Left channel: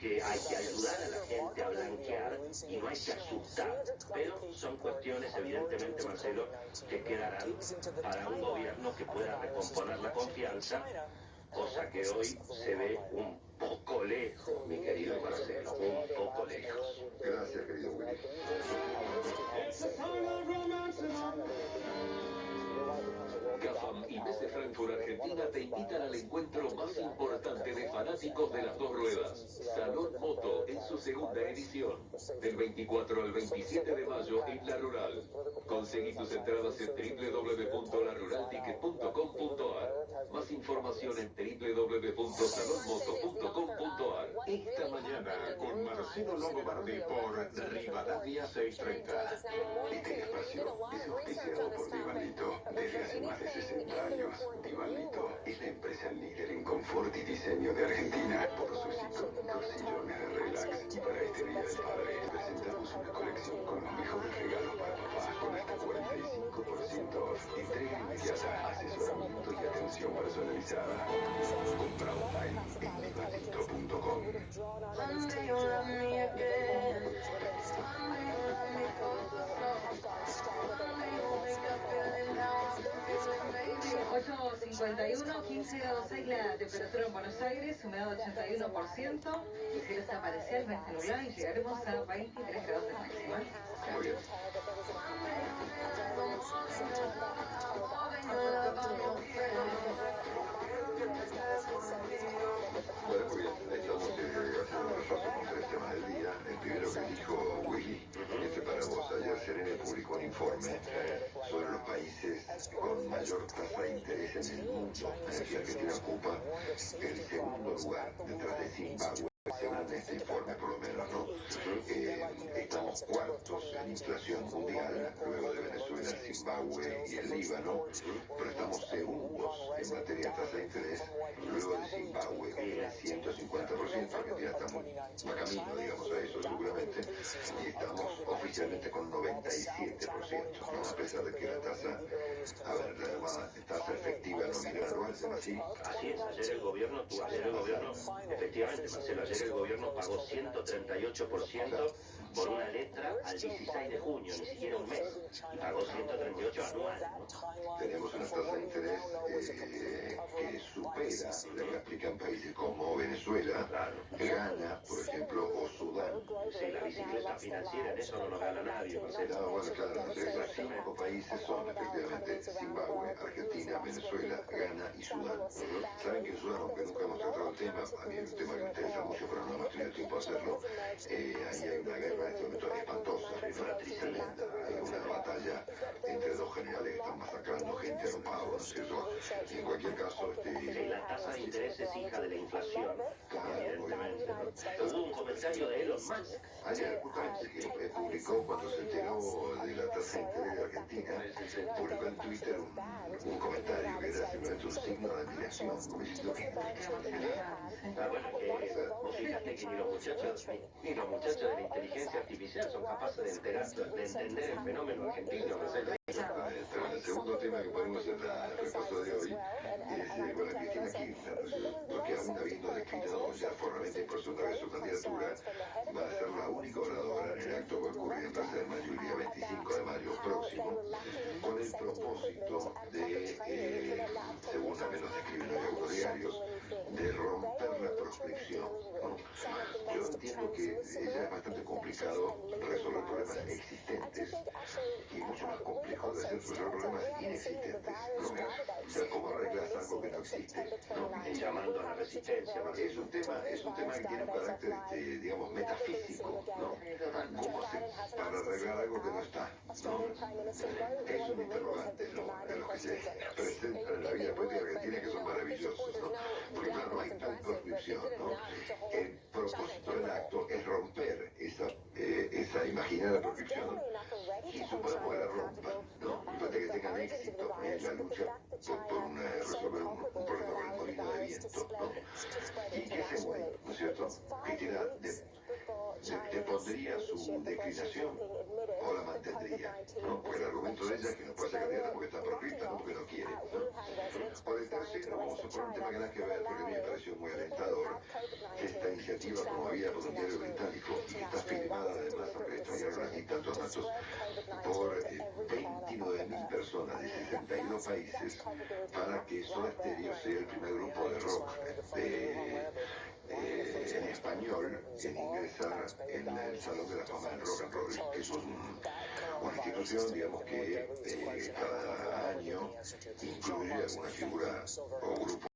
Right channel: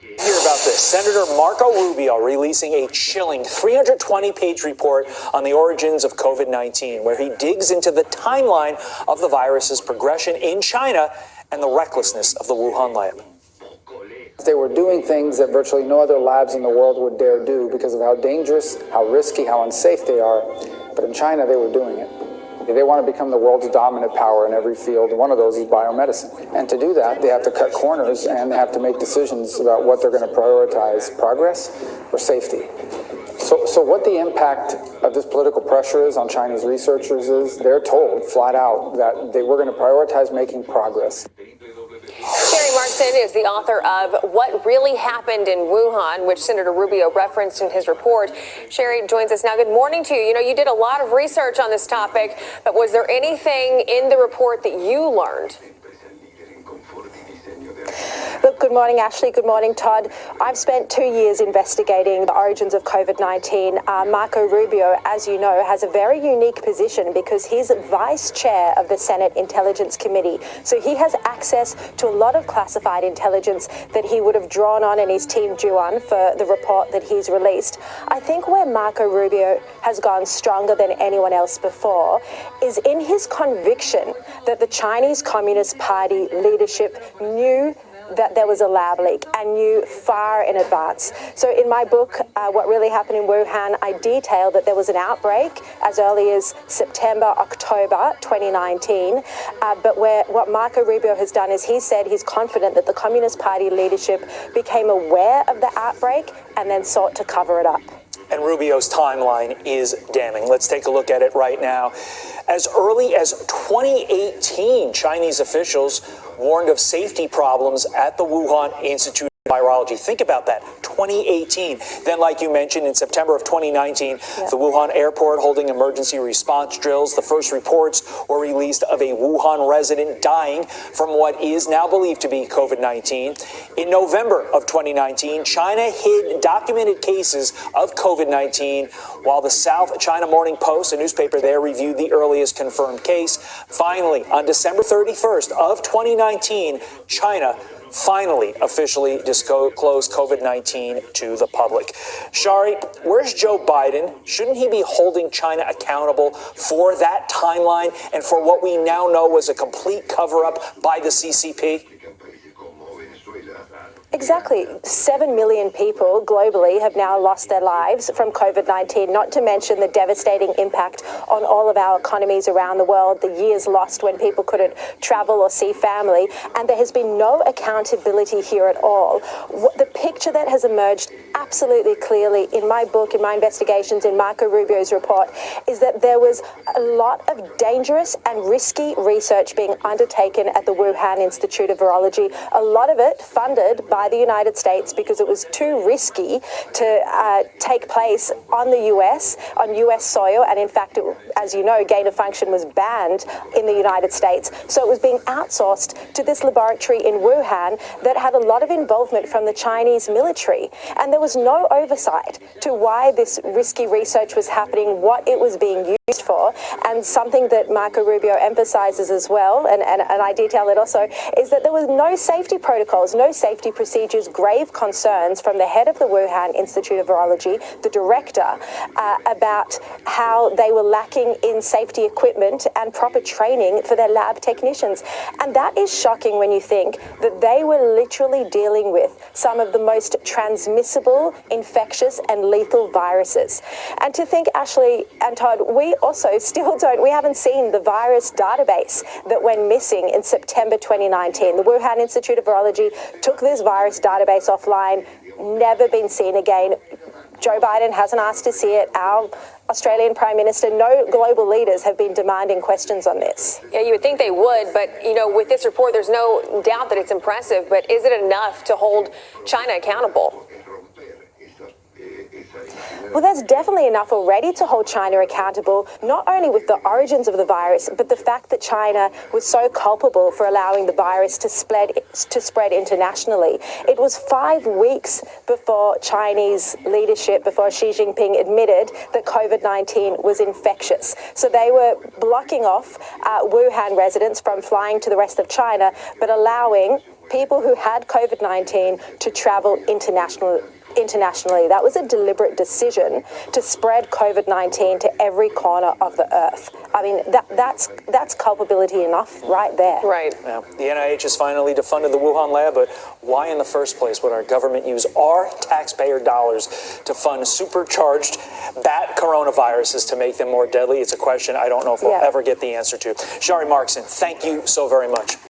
Hear about this. Senator Marco Rubio releasing a chilling 320-page report on the origins of COVID-19, where he digs into the timeline of the virus's progression in China and the recklessness of the Wuhan lab. They were doing things that virtually no other labs in the world would dare do because of how dangerous, how risky, how unsafe they are. But in China, they were doing it. They want to become the world's dominant power in every field, and one of those is biomedicine. And to do that, they have to cut corners, and they have to make decisions about what they're going to prioritize, progress or safety. So what the impact of this political pressure is on Chinese researchers is they're told flat out that they were going to prioritize making progress. Sherry Markson is the author of What Really Happened in Wuhan, which Senator Rubio referenced in his report. Sherry joins us now. Good morning to you. You know, you did a lot of research on this topic, but was there anything in the report that you learned? Look, good morning, Ashley. Good morning, Todd. I've spent 2 years investigating the origins of COVID-19. Marco Rubio, as you know, has a very unique position because he's vice chair of the Senate Intelligence Committee. So he has access to a lot of classified intelligence that he would have drawn on and his team drew on for the report that he's released. I think where Marco Rubio has gone stronger than anyone else before is in his conviction that the Chinese Communist Party leadership knew that there was a lab leak and knew far in advance. So in my book, What Really Happened in Wuhan, I detail that there was an outbreak as early as September, October 2019. But what Marco Rubio has done is he said he's confident that the Communist Party leadership became aware of the outbreak and then sought to cover it up. And Rubio's timeline is damning. Let's take a look at it right now. As early as 2018, Chinese officials warned of safety problems at the Wuhan Institute of Virology. Think about that, 2018. Then, like you mentioned, in September of 2019, the Wuhan airport holding emergency response drills. The first reports were released of a Wuhan resident dying from what is now believed to be COVID-19. In November of 2019, China hid documented cases of COVID-19, while the South China Morning Post, a newspaper there, reviewed the earliest confirmed case. Finally, on December 31st of 2019, China finally officially disclosed COVID-19 to the public. Shari, where's Joe Biden? Shouldn't he be holding China accountable for that timeline and for what we now know was a complete cover-up by the CCP? Exactly. 7 million people globally have now lost their lives from COVID-19, not to mention the devastating impact on all of our economies around the world, the years lost when people couldn't travel or see family, and there has been no accountability here at all. The picture that has emerged absolutely clearly in my book, in my investigations, in Marco Rubio's report, is that there was a lot of dangerous and risky research being undertaken at the Wuhan Institute of Virology, a lot of it funded by the United States because it was too risky to take place on the US, on US soil, and in fact, as you know, gain of function was banned in the United States. So it was being outsourced to this laboratory in Wuhan that had a lot of involvement from the Chinese military. And there was no oversight to why this risky research was happening, what it was being used for. And something that Marco Rubio emphasizes as well, and I detail it also, is that there was no safety protocols, no safety procedures, grave concerns from the head of the Wuhan Institute of Virology, the director, about how they were lacking in safety equipment and proper training for their lab technicians. And that is shocking when you think that they were literally dealing with some of the most transmissible, infectious and lethal viruses. And to think, Ashley and Todd, we also still we haven't seen the virus database that went missing in September 2019. The Wuhan Institute of Virology took this virus database offline, never been seen again. Joe Biden hasn't asked to see it. Our Australian Prime Minister, no global leaders have been demanding questions on this. Yeah, you would think they would, but, you know, with this report, there's no doubt that it's impressive, but is it enough to hold China accountable? Well, there's definitely enough already to hold China accountable, not only with the origins of the virus, but the fact that China was so culpable for allowing the virus to spread internationally. It was 5 weeks before Chinese leadership, before Xi Jinping admitted that COVID-19 was infectious. So they were blocking off Wuhan residents from flying to the rest of China, but allowing people who had COVID-19 to travel internationally. That was a deliberate decision to spread COVID-19 to every corner of the earth. I mean, that's culpability enough right there. Right. Now, the NIH has finally defunded the Wuhan lab, but why in the first place would our government use our taxpayer dollars to fund supercharged bat coronaviruses to make them more deadly? It's a question I don't know if we'll ever get the answer to. Shari Markson, thank you so very much.